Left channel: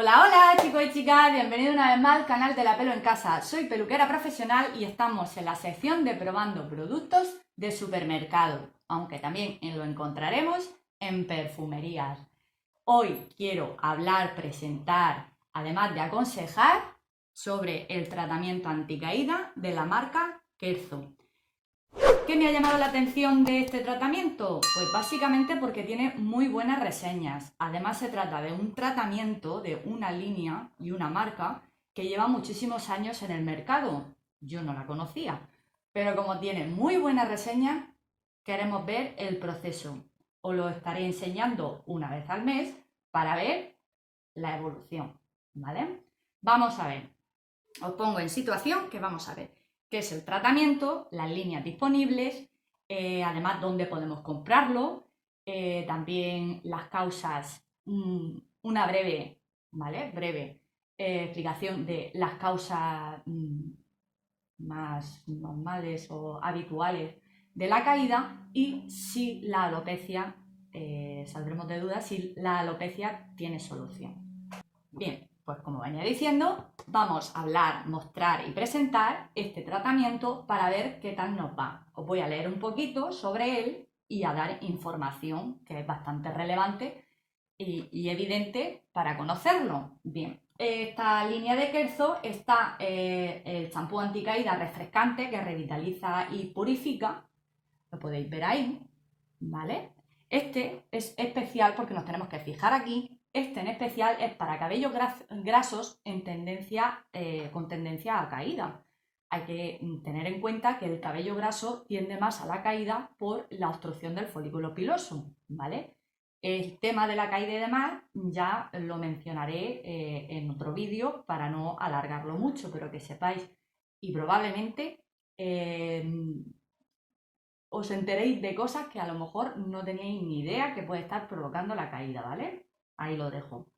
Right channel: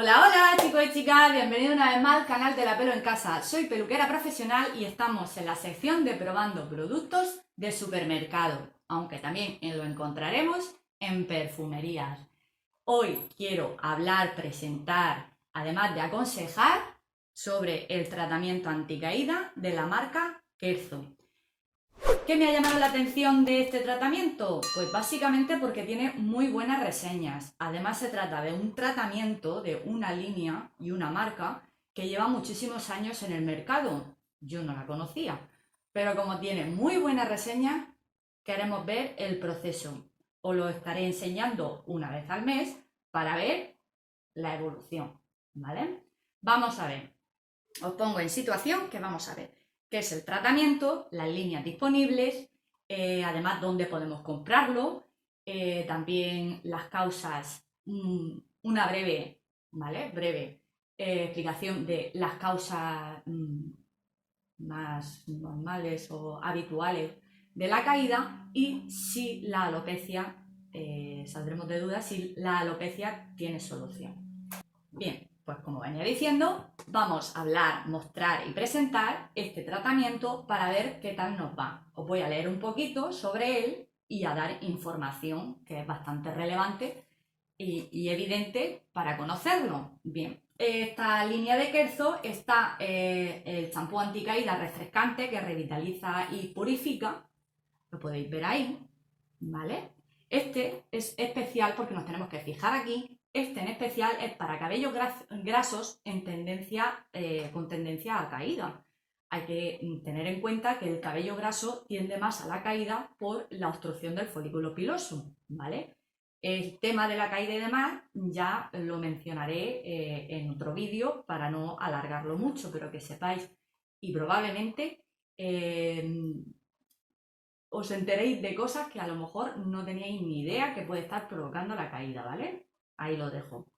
Hola, hola chicos y chicas, bienvenidos una vez más al canal de La Pelo en Casa. Soy peluquera profesional y estamos en la sección de probando productos de supermercado, aunque también lo encontraremos en perfumerías. Hoy quiero hablar, presentar, además de aconsejar, sobre el tratamiento anticaída de la marca Kelso. ¿Qué me ha llamado la atención de este tratamiento? Pues básicamente porque tiene muy buenas reseñas. Además se trata de un tratamiento de una línea y una marca que lleva muchísimos años en el mercado. Yo no la conocía, pero como tiene muy buenas reseñas, queremos ver el proceso. Os lo estaré enseñando una vez al mes para ver la evolución, ¿vale? Vamos a ver. Os pongo en situación que vamos a ver qué es el tratamiento, las líneas disponibles, además dónde podemos comprarlo, también las causas, una breve, ¿vale? Breve explicación de las causas más normales o habituales de la caída y si la alopecia, saldremos de dudas si la alopecia tiene solución. Bien, pues como venía diciendo, vamos a hablar, mostrar y presentar este tratamiento para ver qué tal nos va. Os voy a leer un poquito sobre él y a dar información que es bastante relevante y evidente para conocerlo. Bien, esta línea de Kelso está el champú anticaída refrescante que revitaliza y purifica. Lo podéis ver ahí, ¿vale? Este es especial porque nos tenemos que fijar aquí. Este en especial es para cabellos grasos en tendencia, con tendencia a caída. Hay que tener en cuenta que el cabello graso tiende más a la caída por la obstrucción del folículo piloso, ¿vale? El tema de la caída y demás ya lo mencionaré en otro vídeo para no alargarlo mucho, pero que sepáis y probablemente os enteréis de cosas que a lo mejor no teníais ni idea que puede estar provocando la caída, ¿vale? Ahí lo dejo.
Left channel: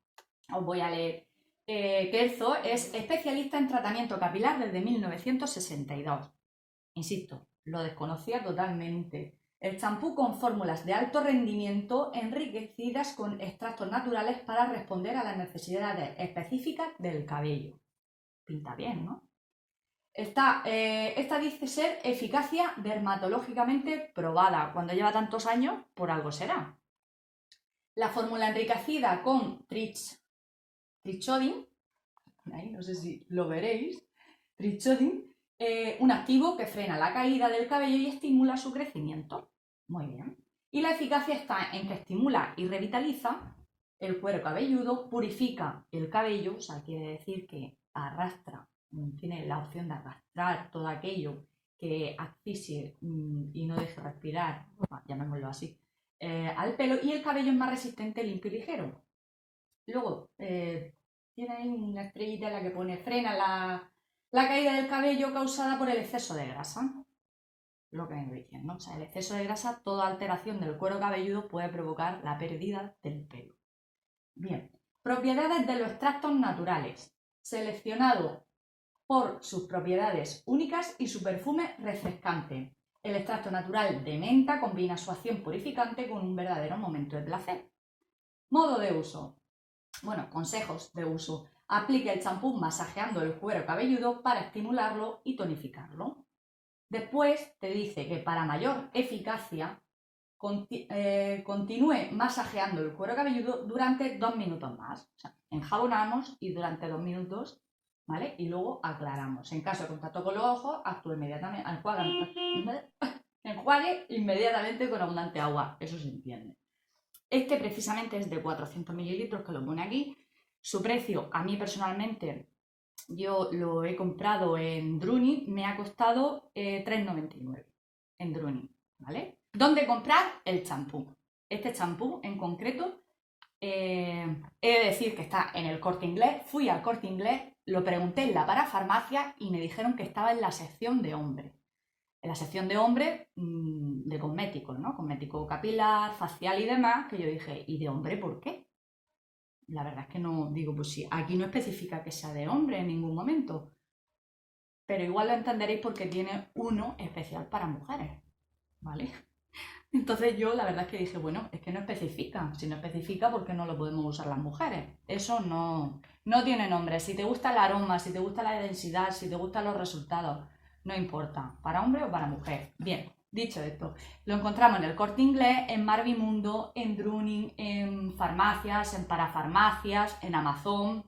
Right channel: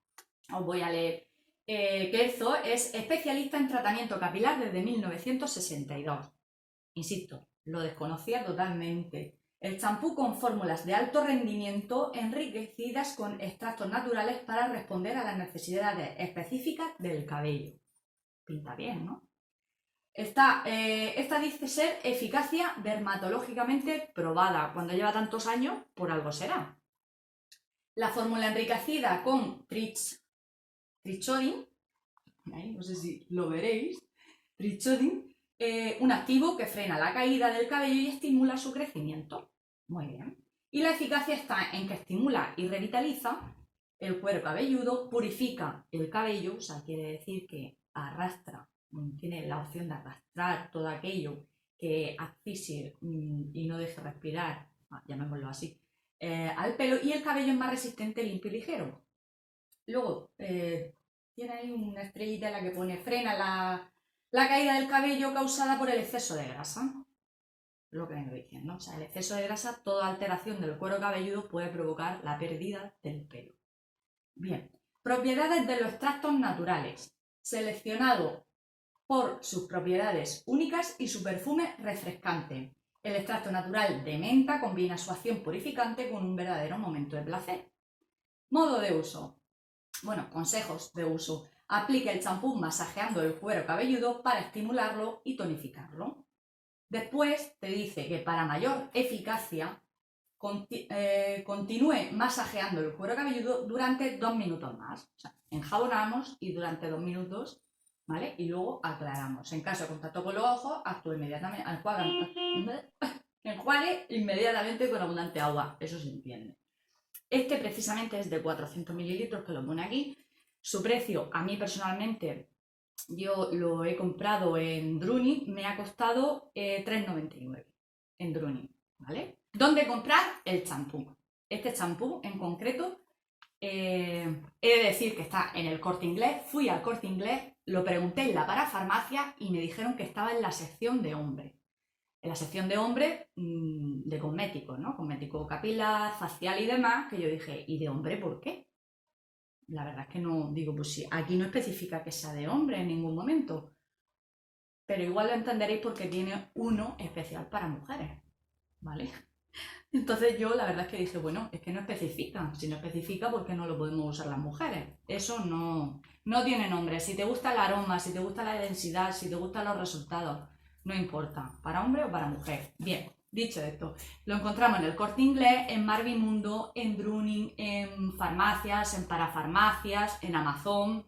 Os voy a leer. Kelso es especialista en tratamiento capilar desde 1962. Insisto, lo desconocía totalmente. El champú con fórmulas de alto rendimiento enriquecidas con extractos naturales para responder a las necesidades específicas del cabello. Pinta bien, ¿no? Esta dice ser eficacia dermatológicamente probada. Cuando lleva tantos años, por algo será. La fórmula enriquecida con trichodin, ahí no sé si lo veréis, trichodin, un activo que frena la caída del cabello y estimula su crecimiento. Muy bien. Y la eficacia está en que estimula y revitaliza el cuero cabelludo, purifica el cabello, o sea, quiere decir que arrastra, tiene la opción de arrastrar todo aquello que asfixie y no deje respirar, llamémoslo así, al pelo, y el cabello es más resistente, limpio y ligero. Luego, tiene ahí una estrellita en la que pone frena la caída del cabello causada por el exceso de grasa. Lo que vengo diciendo, o sea, el exceso de grasa, toda alteración del cuero cabelludo puede provocar la pérdida del pelo. Bien, propiedades de los extractos naturales. Seleccionado por sus propiedades únicas y su perfume refrescante. El extracto natural de menta combina su acción purificante con un verdadero momento de placer. Modo de uso. Bueno, consejos de uso. Aplique el champú masajeando el cuero cabelludo para estimularlo y tonificarlo. Después te dice que para mayor eficacia continúe masajeando el cuero cabelludo durante 2 minutos más. O sea, enjabonamos y durante 2 minutos, ¿vale? Y luego aclaramos. En caso de contacto con los ojos, actúe inmediatamente, enjuague inmediatamente con abundante agua. Eso se entiende. Este precisamente es de 400 mililitros, que lo pone aquí. Su precio, a mí personalmente, yo lo he comprado en Druni, me ha costado 3,99 en Druni, ¿vale? ¿Dónde comprar el champú? Este champú en concreto, he de decir que está en el Corte Inglés. Fui al Corte Inglés, lo pregunté en la parafarmacia y me dijeron que estaba en la sección de hombre. En la sección de hombre de cosméticos, ¿no? Cosmético capilar, facial y demás, que yo dije, ¿y de hombre por qué? La verdad es que no, digo, pues sí, aquí no especifica que sea de hombre en ningún momento, pero igual lo entenderéis porque tiene uno especial para mujeres, ¿vale? Entonces yo la verdad es que dije, bueno, es que no especifica. Si no especifica, ¿por qué no lo podemos usar las mujeres? Eso no tiene nombre. Si te gusta el aroma, si te gusta la densidad, si te gustan los resultados, no importa, para hombre o para mujer. Bien, dicho esto, lo encontramos en el Corte Inglés, en Marvimundo, en Drooning, en farmacias, en parafarmacias, en Amazon,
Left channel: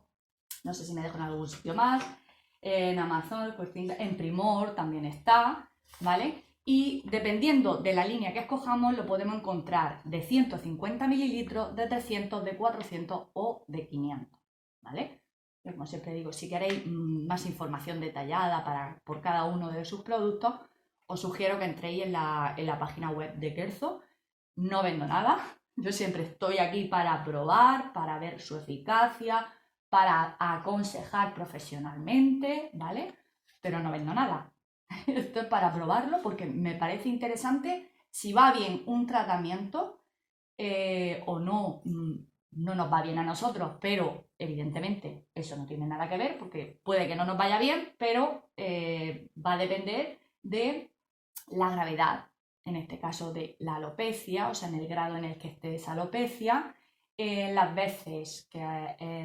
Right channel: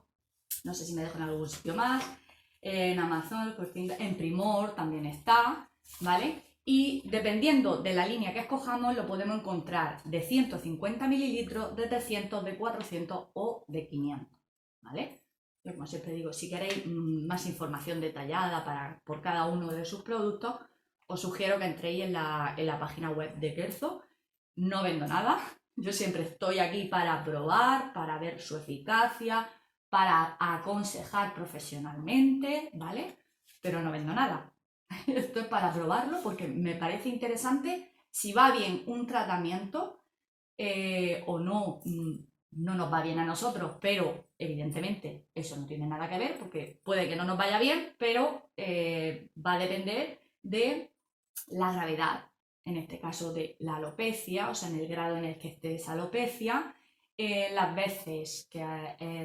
no sé si me dejo en algún sitio más, en Amazon, el Corte Inglés, en Primor también está, ¿vale? Y dependiendo de la línea que escojamos, lo podemos encontrar de 150 mililitros, de 300, de 400 o de 500, ¿vale? Yo, como siempre digo, si queréis más información detallada por cada uno de sus productos, os sugiero que entréis en la página web de Kerzo. No vendo nada, yo siempre estoy aquí para probar, para ver su eficacia, para aconsejar profesionalmente, ¿vale? Pero no vendo nada. Esto es para probarlo porque me parece interesante si va bien un tratamiento o no, no nos va bien a nosotros, pero evidentemente eso no tiene nada que ver porque puede que no nos vaya bien, pero va a depender de la gravedad, en este caso de la alopecia, o sea, en el grado en el que esté esa alopecia, las veces que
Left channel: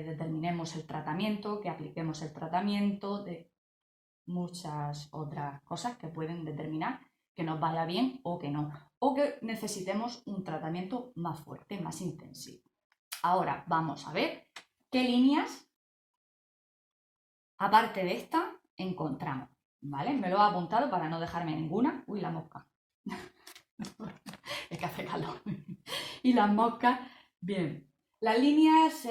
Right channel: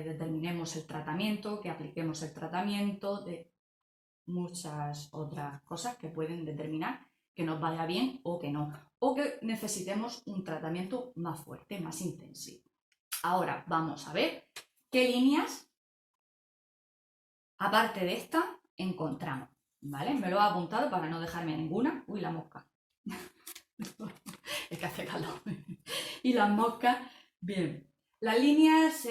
determinemos el tratamiento, que apliquemos el tratamiento, de muchas otras cosas que pueden determinar que nos vaya bien o que no, o que necesitemos un tratamiento más fuerte, más intensivo. Ahora vamos a ver qué líneas, aparte de esta, encontramos, ¿vale? Me lo he apuntado para no dejarme ninguna. Uy, la mosca. Es que hace calor. Y las moscas, bien. Las líneas,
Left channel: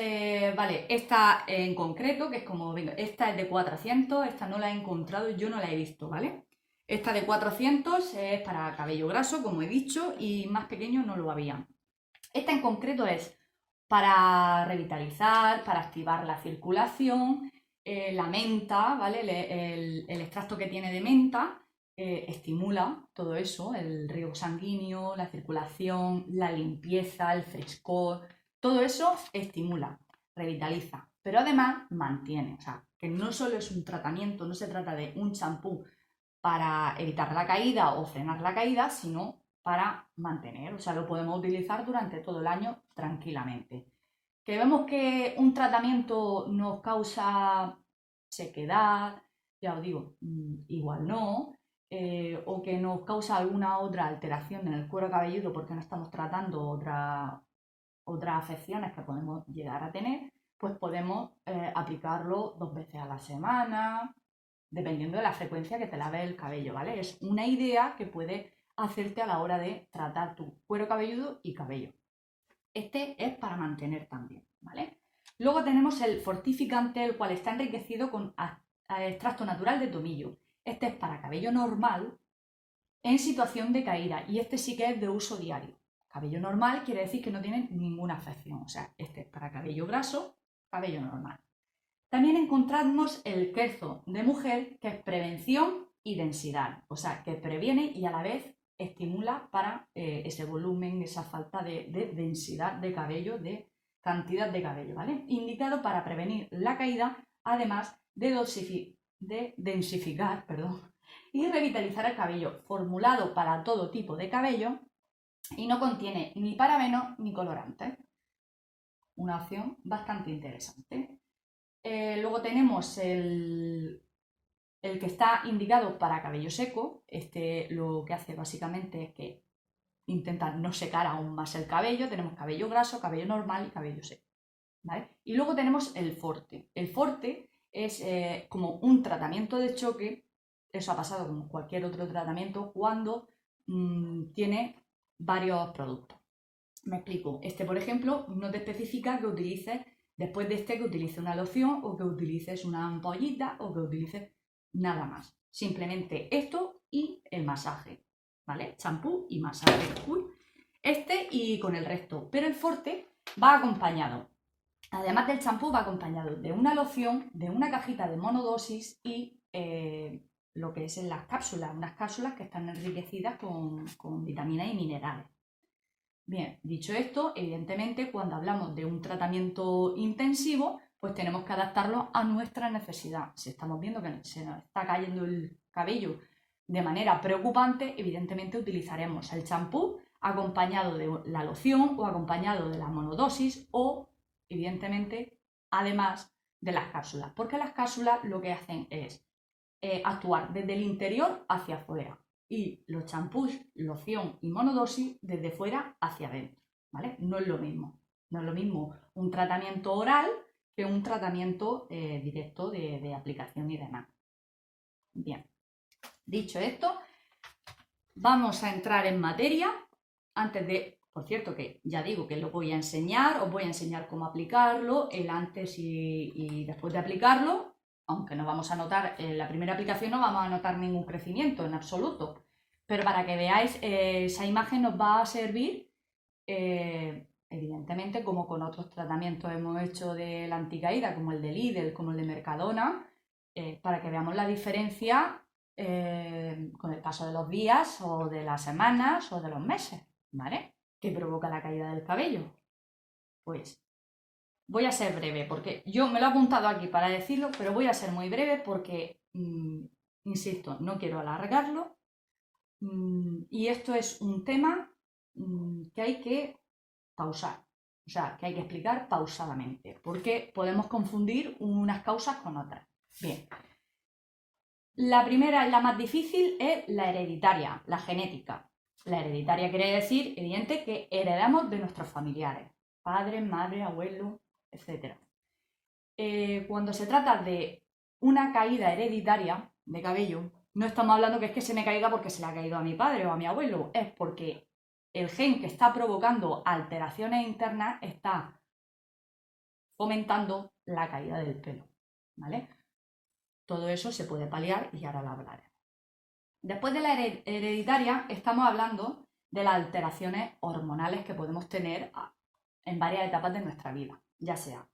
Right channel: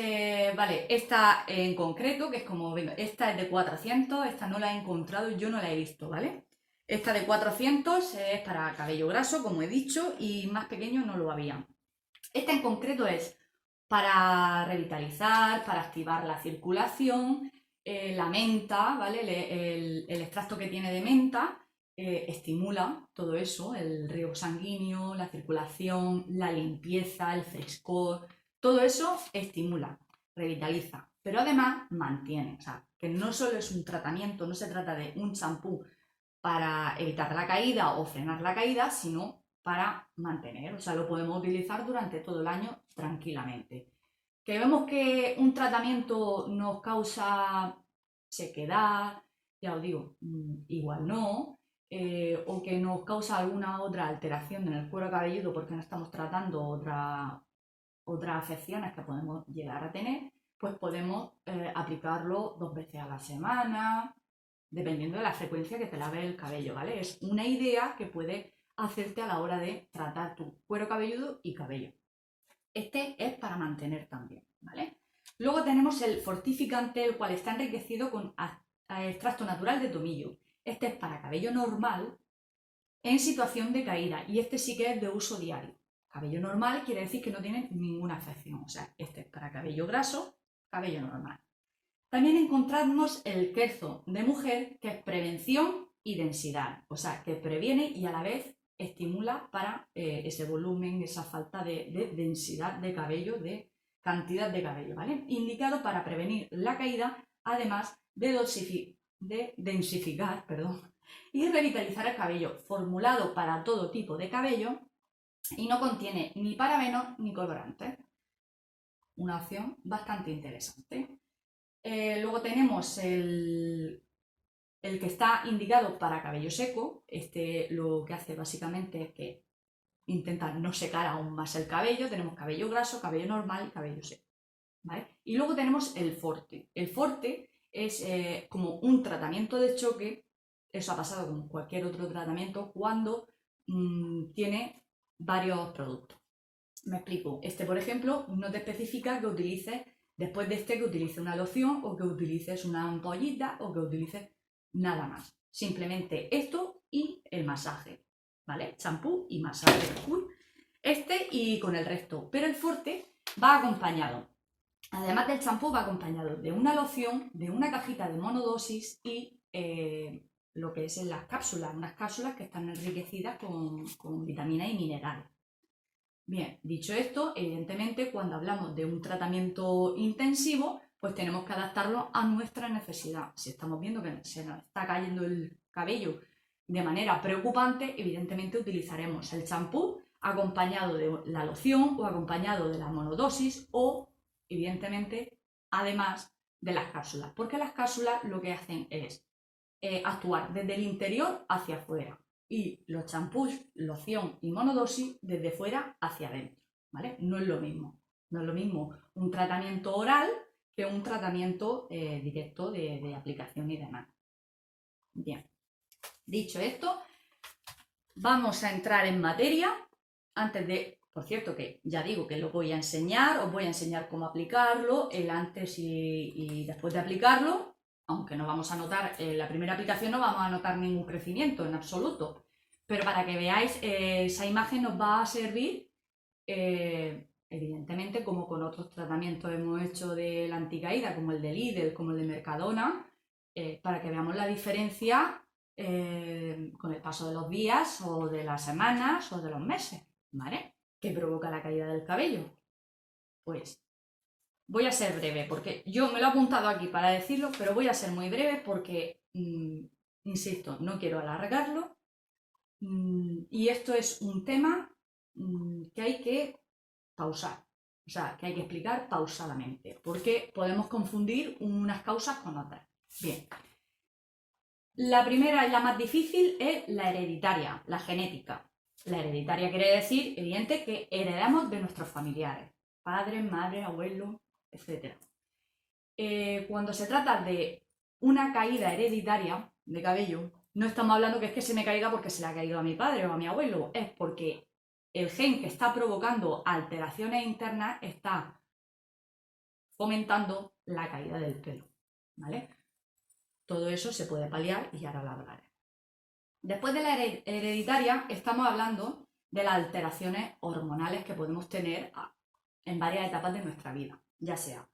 vale, esta en concreto, que es como, venga, esta es de 400, esta no la he encontrado, yo no la he visto, ¿vale? Esta de 400 es para cabello graso, como he dicho, y más pequeño no lo había. Esta en concreto es para revitalizar, para activar la circulación, la menta, ¿vale? El extracto que tiene de menta estimula todo eso, el riego sanguíneo, la circulación, la limpieza, el frescor, todo eso estimula, revitaliza, pero además mantiene, o sea, que no solo es un tratamiento, no se trata de un champú para evitar la caída o frenar la caída, sino para mantener, o sea, lo podemos utilizar durante todo el año tranquilamente. Que vemos que un tratamiento nos causa sequedad, ya os digo, igual no, o que nos causa alguna otra alteración en el cuero cabelludo porque no estamos tratando otras afecciones que podemos llegar a tener, pues podemos aplicarlo 2 veces a la semana, dependiendo de la frecuencia que te lave el cabello, ¿vale? Es una idea que puede hacerte a la hora de tratar tu cuero cabelludo y cabello. Este es para mantener también, ¿vale? Luego tenemos el fortificante, el cual está enriquecido con extracto natural de tomillo. Este es para cabello normal en situación de caída y este sí que es de uso diario. Cabello normal quiere decir que no tiene ninguna afección, o sea, este es para cabello graso, cabello normal. También encontramos el Kerzo de mujer, que es prevención y densidad, o sea, que previene y a la vez estimula para ese volumen, esa falta de densidad de cabello, de cantidad de cabello, ¿vale? Indicado para prevenir la caída, además de densificar, y revitalizar el cabello, formulado para todo tipo de cabello y no contiene ni parabenos ni colorantes. Una opción bastante interesante. Luego tenemos el que está indicado para cabello seco. Este lo que hace básicamente es que intenta no secar aún más el cabello. Tenemos cabello graso, cabello normal y cabello seco, ¿vale? Y luego tenemos el Forte. El Forte es como un tratamiento de choque. Eso ha pasado con cualquier otro tratamiento cuando tiene varios productos. Me explico. Este, por ejemplo, no te especifica que utilices, después de este, que utilices una loción o que utilices una ampollita o que utilices nada más. Simplemente esto y el masaje, ¿vale? Champú y masaje. Este y con el resto. Pero el Forte va acompañado. Además del champú, va acompañado de una loción, de una cajita de monodosis y lo que es en las cápsulas, unas cápsulas que están enriquecidas con vitaminas y minerales. Bien, dicho esto, evidentemente cuando hablamos de un tratamiento intensivo, pues tenemos que adaptarlo a nuestra necesidad. Si estamos viendo que se nos está cayendo el cabello de manera preocupante, evidentemente utilizaremos el champú acompañado de la loción o acompañado de la monodosis o, evidentemente, además de las cápsulas, porque las cápsulas lo que hacen es actuar desde el interior hacia afuera y los champús, loción y monodosis desde fuera hacia adentro, ¿vale? No es lo mismo. No es lo mismo un tratamiento oral que un tratamiento directo de aplicación y demás. Bien, dicho esto, vamos a entrar en materia. Antes de, por cierto, que ya digo que lo voy a enseñar, os voy a enseñar cómo aplicarlo, el antes y después de aplicarlo, aunque no vamos a notar, la primera aplicación no vamos a notar ningún crecimiento en absoluto, pero para que veáis, esa imagen nos va a servir, evidentemente, como con otros tratamientos hemos hecho de la anticaída, como el de Lidl, como el de Mercadona, para que veamos la diferencia con el paso de los días o de las semanas o de los meses, ¿vale? ¿Qué provoca la caída del cabello? Pues voy a ser breve, porque yo me lo he apuntado aquí para decirlo, pero voy a ser muy breve porque, insisto, no quiero alargarlo. Y esto es un tema que hay que pausar, o sea, que hay que explicar pausadamente, porque podemos confundir unas causas con otras. Bien, la primera y la más difícil es la hereditaria, la genética. La hereditaria quiere decir, evidente, que heredamos de nuestros familiares, padres, madres, abuelos, etc. Cuando se trata de una caída hereditaria de cabello, no estamos hablando que es que se me caiga porque se le ha caído a mi padre o a mi abuelo, es porque el gen que está provocando alteraciones internas está fomentando la caída del pelo, ¿vale? Todo eso se puede paliar y ahora lo hablaré. Después de la hereditaria, estamos hablando de las alteraciones hormonales que podemos tener en varias etapas de nuestra vida, ya sea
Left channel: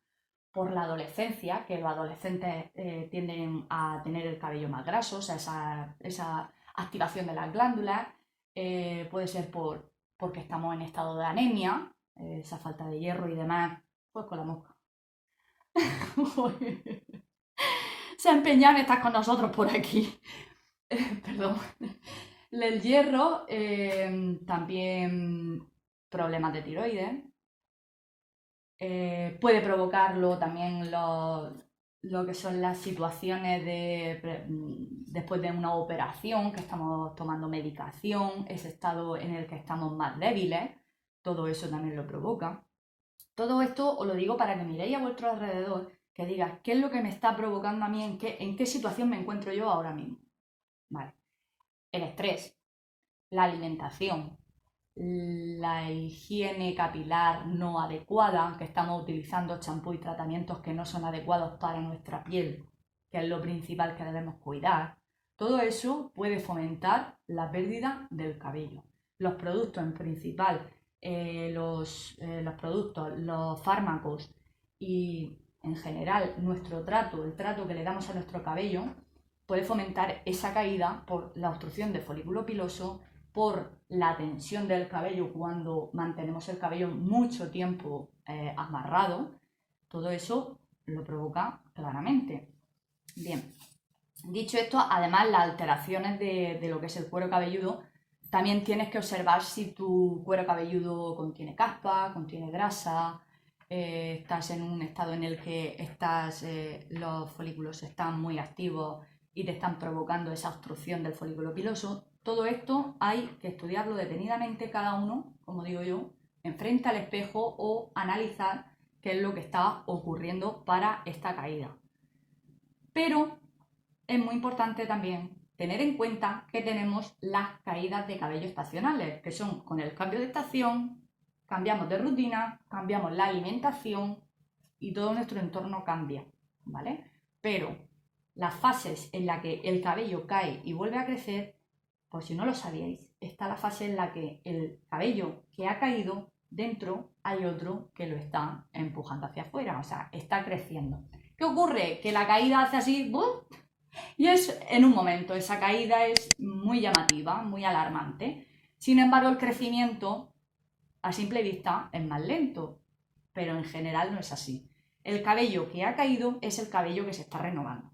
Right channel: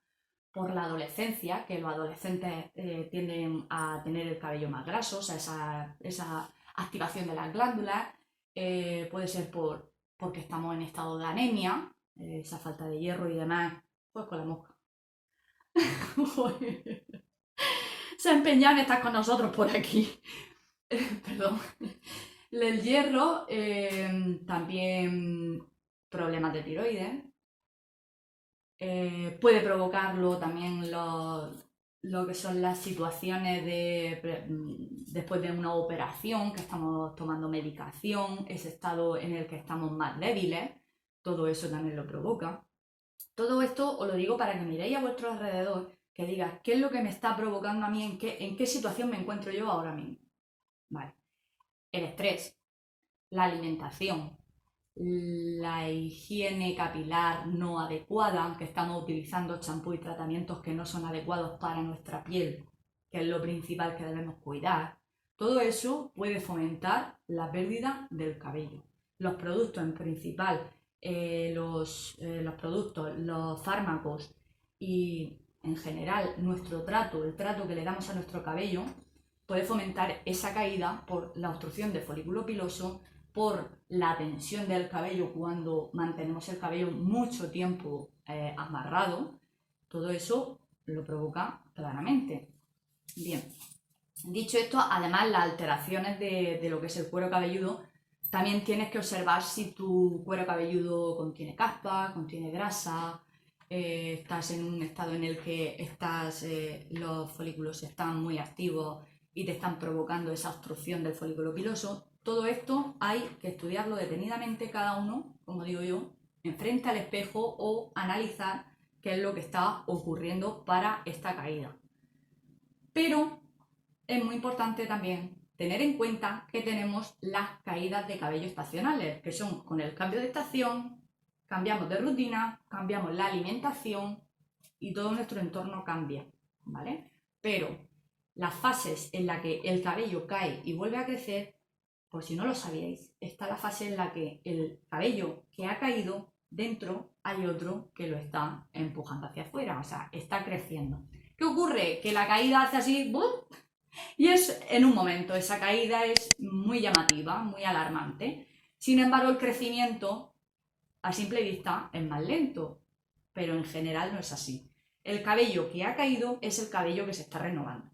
por la adolescencia, que los adolescentes tienden a tener el cabello más graso, o sea, esa activación de las glándulas, puede ser porque estamos en estado de anemia, esa falta de hierro y demás, pues con la mosca. Se ha empeñado en estar con nosotros por aquí. Perdón. El hierro, también problemas de tiroides. Puede provocarlo también lo que son las situaciones después de una operación, que estamos tomando medicación, ese estado en el que estamos más débiles, todo eso también lo provoca. Todo esto os lo digo para que miréis a vuestro alrededor, que digas qué es lo que me está provocando a mí, en qué situación me encuentro yo ahora mismo. Vale. El estrés, la alimentación, la higiene capilar no adecuada, que estamos utilizando champú y tratamientos que no son adecuados para nuestra piel, que es lo principal que debemos cuidar, todo eso puede fomentar la pérdida del cabello. Los productos en principal, los productos, los fármacos y en general nuestro trato, el trato que le damos a nuestro cabello, puede fomentar esa caída por la obstrucción del folículo piloso, por la tensión del cabello cuando mantenemos el cabello mucho tiempo amarrado. Todo eso lo provoca claramente. Bien, dicho esto, además las alteraciones de lo que es el cuero cabelludo, también tienes que observar si tu cuero cabelludo contiene caspa, contiene grasa, estás en un estado en el que los folículos están muy activos y te están provocando esa obstrucción del folículo piloso. Todo esto hay que estudiarlo detenidamente cada uno, como digo yo, enfrente al espejo o analizar qué es lo que está ocurriendo para esta caída. Pero es muy importante también tener en cuenta que tenemos las caídas de cabello estacionales, que son con el cambio de estación, cambiamos de rutina, cambiamos la alimentación y todo nuestro entorno cambia, ¿vale? Pero las fases en las que el cabello cae y vuelve a crecer, por si no lo sabíais, está la fase en la que el cabello que ha caído, dentro hay otro que lo está empujando hacia afuera, o sea, está creciendo. ¿Qué ocurre? Que la caída hace así, ¡bum! Y es en un momento, esa caída es muy llamativa, muy alarmante. Sin embargo, el crecimiento a simple vista es más lento, pero en general no es así. El cabello que ha caído es el cabello que se está renovando,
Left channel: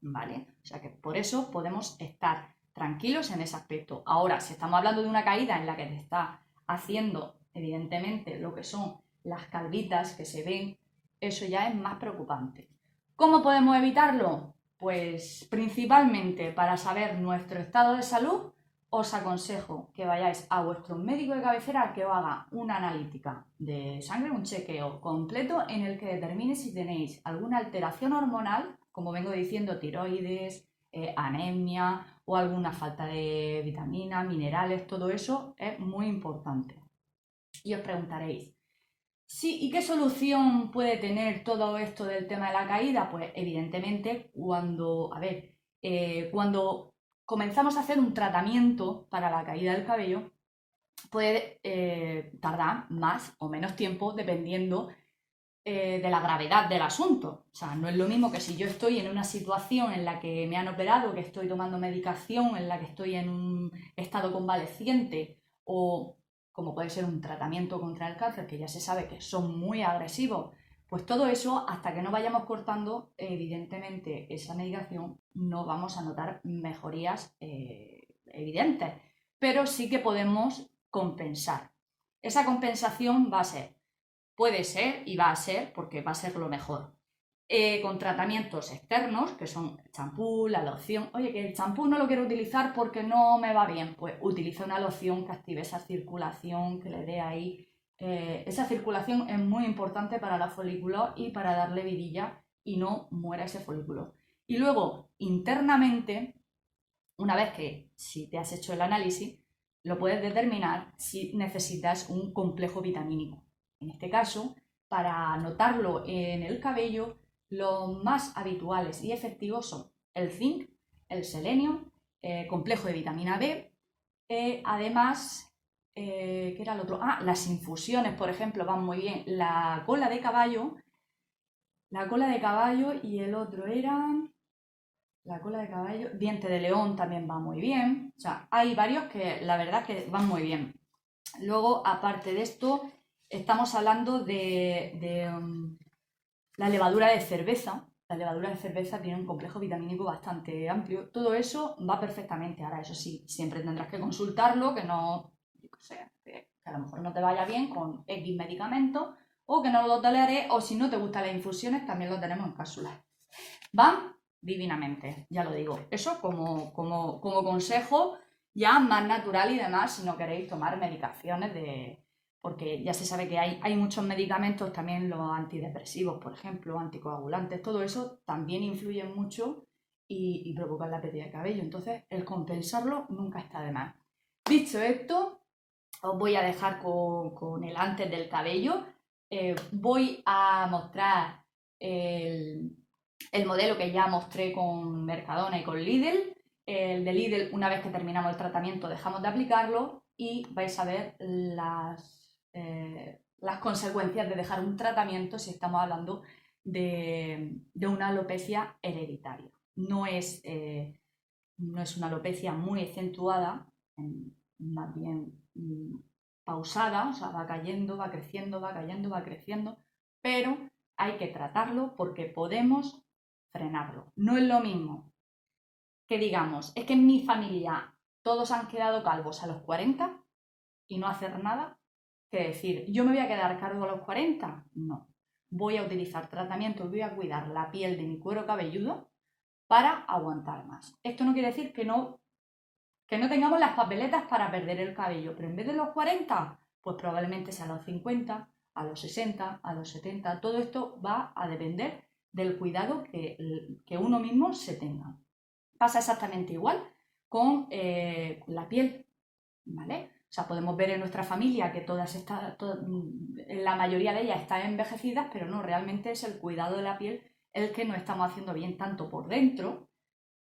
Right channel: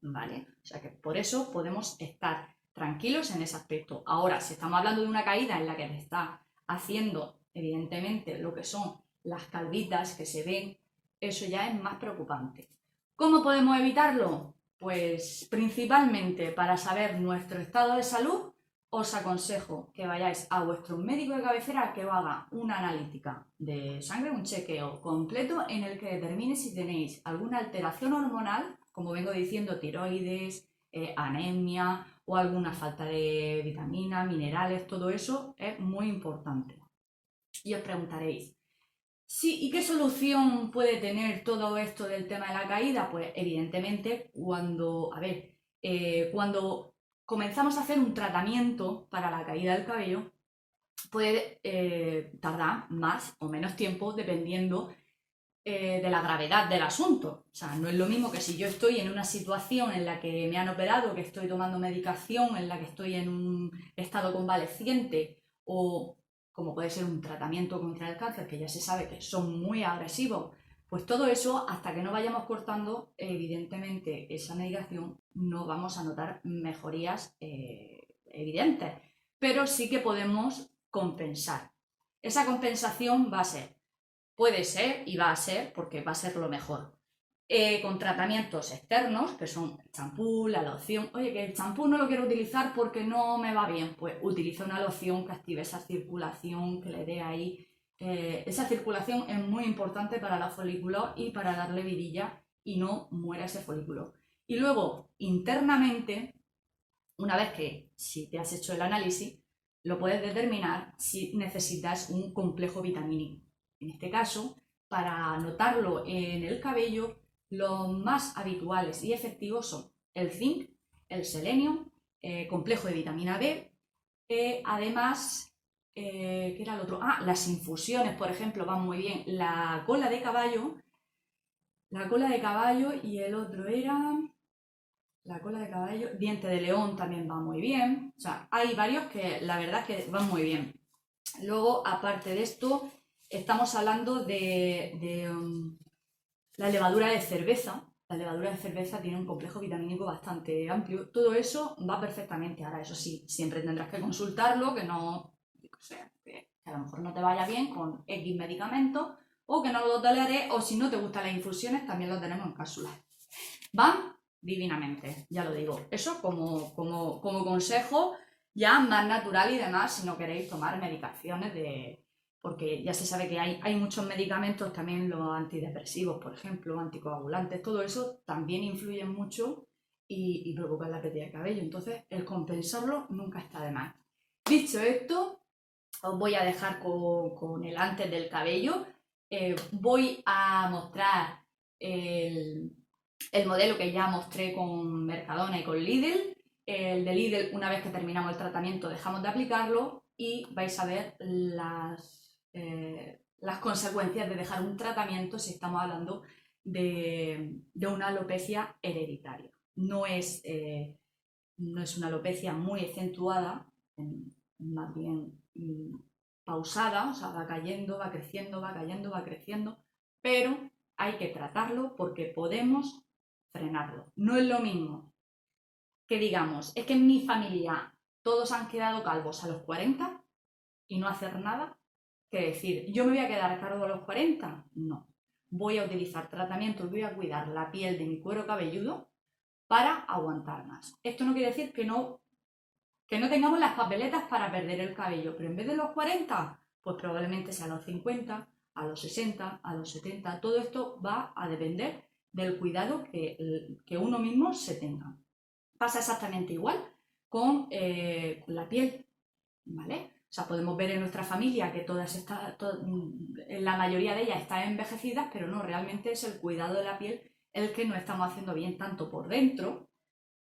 ¿vale? O sea que por eso podemos estar tranquilos en ese aspecto. Ahora, si estamos hablando de una caída en la que te está haciendo, evidentemente, lo que son las calvitas que se ven, eso ya es más preocupante. ¿Cómo podemos evitarlo? Pues principalmente para saber nuestro estado de salud, os aconsejo que vayáis a vuestro médico de cabecera que os haga una analítica de sangre, un chequeo completo en el que determine si tenéis alguna alteración hormonal, como vengo diciendo, tiroides, anemia o alguna falta de vitaminas, minerales, todo eso es muy importante. Y os preguntaréis, sí, ¿y qué solución puede tener todo esto del tema de la caída? Pues evidentemente cuando comenzamos a hacer un tratamiento para la caída del cabello, puede tardar más o menos tiempo dependiendo de la gravedad del asunto. O sea, no es lo mismo que si yo estoy en una situación en la que me han operado, que estoy tomando medicación, en la que estoy en un estado convaleciente o como puede ser un tratamiento contra el cáncer, que ya se sabe que son muy agresivos, pues todo eso, hasta que no vayamos cortando, evidentemente, esa medicación, no vamos a notar mejorías evidentes, pero sí que podemos compensar. Esa compensación va a ser, puede ser y va a ser, porque va a ser lo mejor, con tratamientos externos, que son el champú, la loción. Oye, que el champú no lo quiero utilizar porque no me va bien. Pues utiliza una loción que active esa circulación, que le dé ahí. Esa circulación es muy importante para la folículo y para darle vidilla y no muera ese folículo. Y luego, internamente, una vez que si te has hecho el análisis, lo puedes determinar si necesitas un complejo vitamínico. En este caso, para notarlo en el cabello, los más habituales y efectivos son el zinc, el selenio, complejo de vitamina B, además, ¿qué era el otro? Las infusiones, por ejemplo, van muy bien. La cola de caballo y el otro era la cola de caballo, diente de león también va muy bien. O sea, hay varios que la verdad que van muy bien. Luego, aparte de esto, estamos hablando de la levadura de cerveza. La levadura de cerveza tiene un complejo vitamínico bastante amplio. Todo eso va perfectamente. Ahora, eso sí, siempre tendrás que consultarlo, que no, que a lo mejor no te vaya bien con X medicamentos o que no lo toleres, o si no te gustan las infusiones, también lo tenemos en cápsulas. Van divinamente, ya lo digo. Eso como consejo ya más natural y demás, si no queréis tomar medicaciones porque ya se sabe que hay muchos medicamentos, también los antidepresivos, por ejemplo, anticoagulantes, todo eso también influye mucho y provocan la pérdida de cabello. Entonces, el compensarlo nunca está de más. Dicho esto, os voy a dejar con el antes del cabello. Voy a mostrar el modelo que ya mostré con Mercadona y con Lidl. El de Lidl, una vez que terminamos el tratamiento, dejamos de aplicarlo y vais a ver las consecuencias de dejar un tratamiento si estamos hablando de una alopecia hereditaria. No es una alopecia muy acentuada, más bien pausada, o sea, va cayendo, va creciendo, va cayendo, va creciendo, pero hay que tratarlo porque podemos frenarlo. No es lo mismo que digamos, es que en mi familia todos han quedado calvos a los 40 y no hacer nada, que decir, yo me voy a quedar calvo a los 40, no. Voy a utilizar tratamientos, voy a cuidar la piel de mi cuero cabelludo para aguantar más. Esto no quiere decir que no tengamos las papeletas para perder el cabello, pero en vez de los 40, pues probablemente sea a los 50, a los 60, a los 70. Todo esto va a depender del cuidado que uno mismo se tenga. Pasa exactamente igual con la piel, ¿vale? O sea, podemos ver en nuestra familia que la mayoría de ellas están envejecidas, pero no, realmente es el cuidado de la piel el que no estamos haciendo bien tanto por dentro,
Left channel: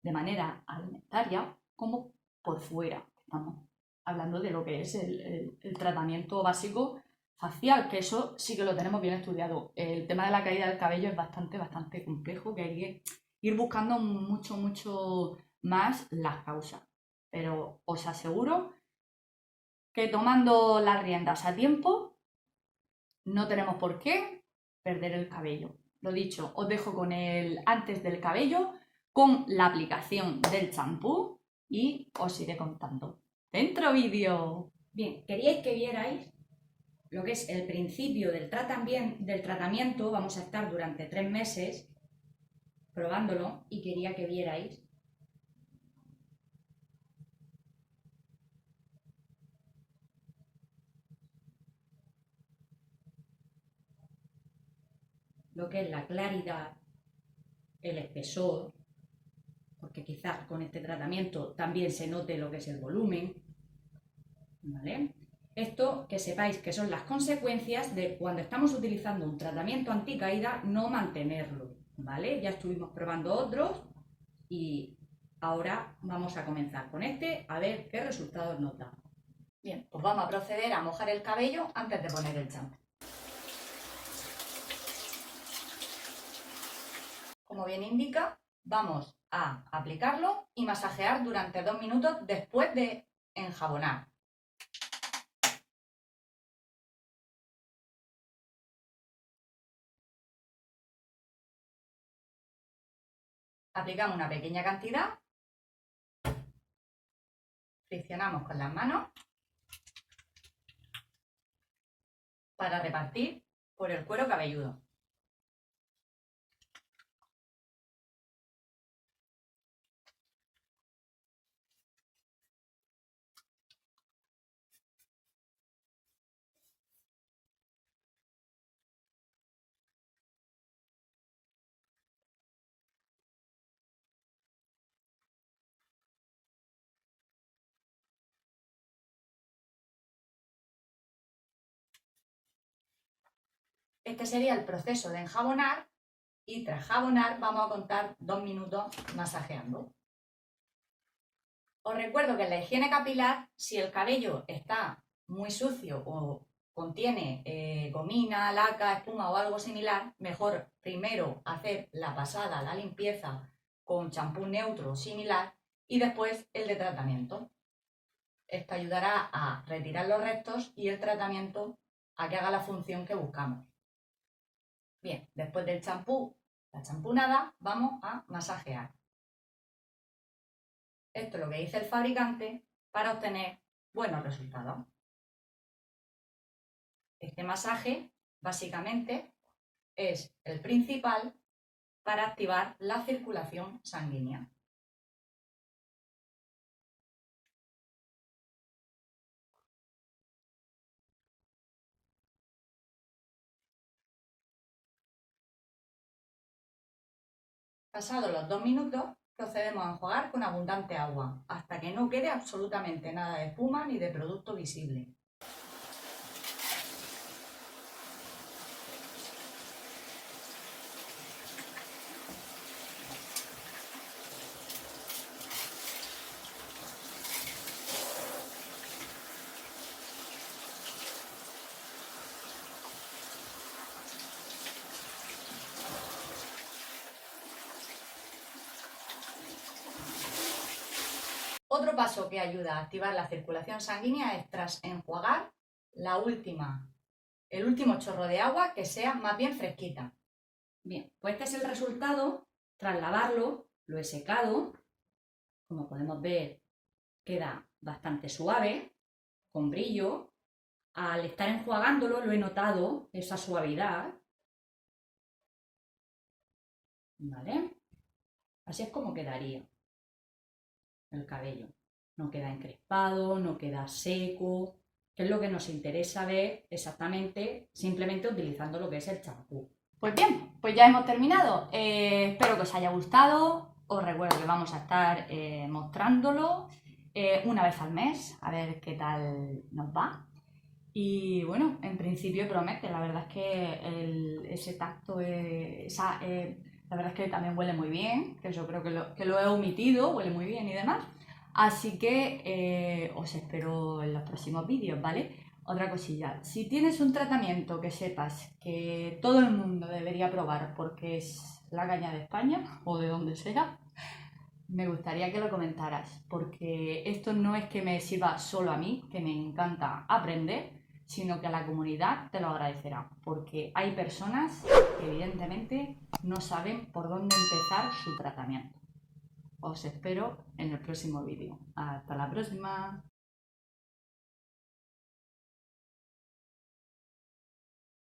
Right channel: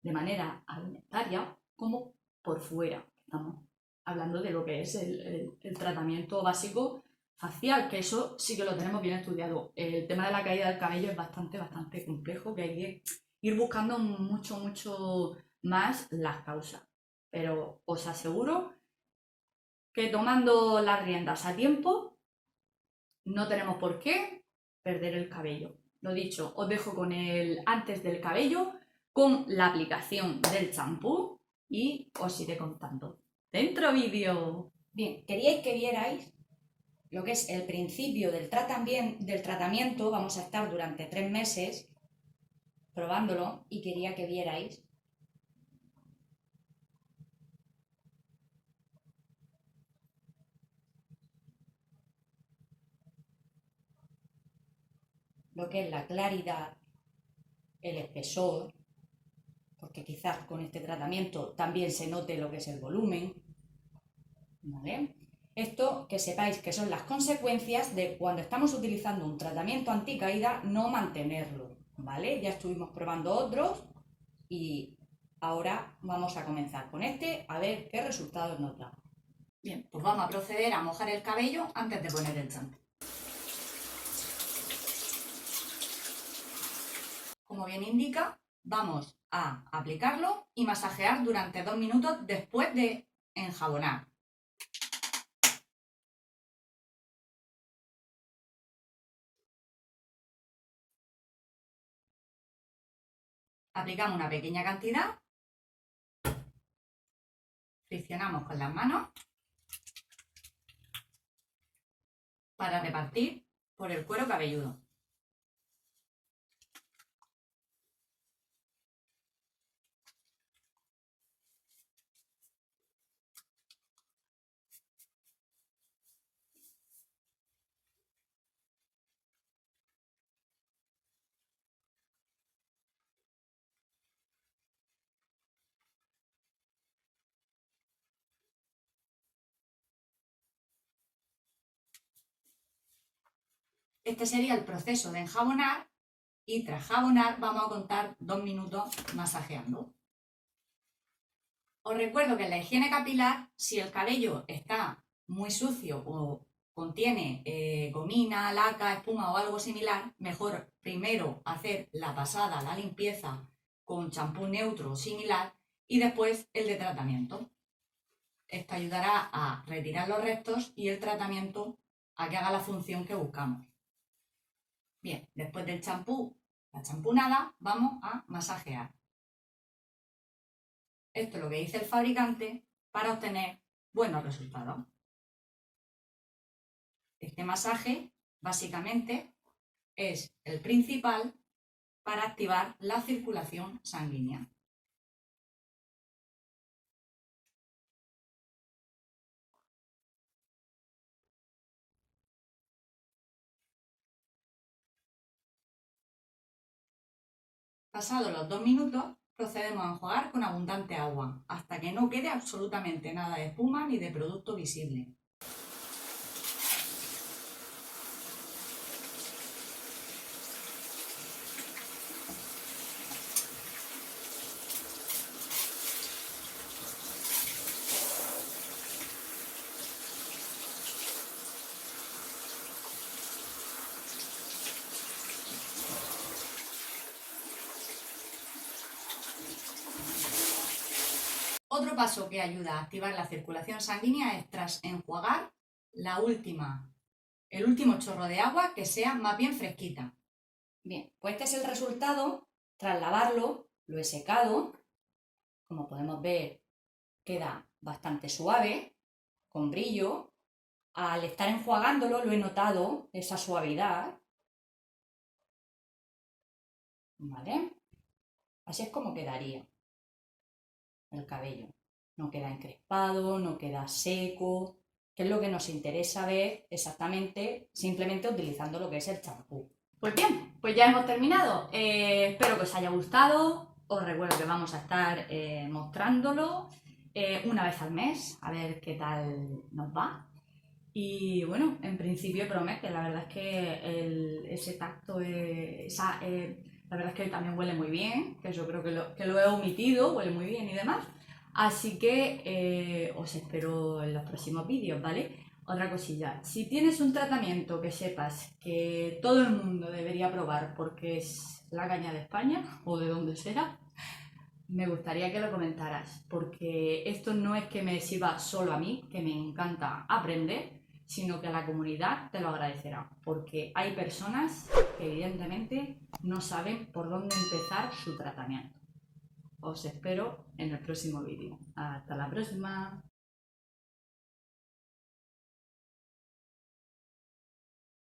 de manera alimentaria, como por fuera. Estamos hablando de lo que es el tratamiento básico facial, que eso sí que lo tenemos bien estudiado. El tema de la caída del cabello es bastante complejo, que hay que ir buscando mucho más las causas. Pero os aseguro que tomando las riendas a tiempo no tenemos por qué perder el cabello. Lo dicho, os dejo con el antes del cabello, con la aplicación del champú y os iré contando. ¡Dentro vídeo! Bien, queríais que vierais lo que es el principio del tratamiento. Vamos a estar durante 3 meses probándolo y quería que vierais lo que es la claridad, el espesor, porque quizás con este tratamiento también se note lo que es el volumen, ¿vale? Esto, que sepáis que son las consecuencias de cuando estamos utilizando un tratamiento anticaída, no mantenerlo, ¿vale? Ya estuvimos probando otros y ahora vamos a comenzar con este a ver qué resultados nos da. Bien, pues vamos a proceder a mojar el cabello antes de poner el champú. Como bien indica, vamos a aplicarlo y masajear durante 2 minutos después de enjabonar. Aplicamos una pequeña cantidad, friccionamos con las manos para repartir por el cuero cabelludo. Este sería el proceso de enjabonar y tras jabonar vamos a contar 2 minutos masajeando. Os recuerdo que en la higiene capilar, si el cabello está muy sucio o contiene gomina, laca, espuma o algo similar, mejor primero hacer la pasada, la limpieza con champú neutro o similar y después el de tratamiento. Esto ayudará a retirar los restos y el tratamiento a que haga la función que buscamos. Bien, después del champú, la champunada, vamos a masajear. Esto es lo que dice el fabricante para obtener buenos resultados. Este masaje, básicamente, es el principal para activar la circulación sanguínea. Pasados los 2 minutos, procedemos a enjuagar con abundante agua, hasta que no quede absolutamente nada de espuma ni de producto visible. Otro paso que ayuda a activar la circulación sanguínea es tras enjuagar el último chorro de agua que sea más bien fresquita. Bien, pues este es el resultado. Tras lavarlo, lo he secado. Como podemos ver, queda bastante suave, con brillo. Al estar enjuagándolo lo he notado, esa suavidad. ¿Vale? Así es como quedaría el cabello. No queda encrespado, no queda seco, que es lo que nos interesa ver exactamente simplemente utilizando lo que es el champú. Pues bien, pues ya hemos terminado. Espero que os haya gustado. Os recuerdo que vamos a estar mostrándolo una vez al mes, a ver qué tal nos va. Y bueno, en principio promete, la verdad es que ese tacto, la verdad es que también huele muy bien, que yo creo que lo he omitido, huele muy bien y demás. Así que os espero en los próximos vídeos, ¿vale? Otra cosilla, si tienes un tratamiento que sepas que todo el mundo debería probar porque es la caña de España o de donde sea, me gustaría que lo comentaras, porque esto no es que me sirva solo a mí, que me encanta aprender, sino que la comunidad te lo agradecerá, porque hay personas que evidentemente no saben por dónde empezar su tratamiento. Os espero en el próximo vídeo. Hasta la próxima.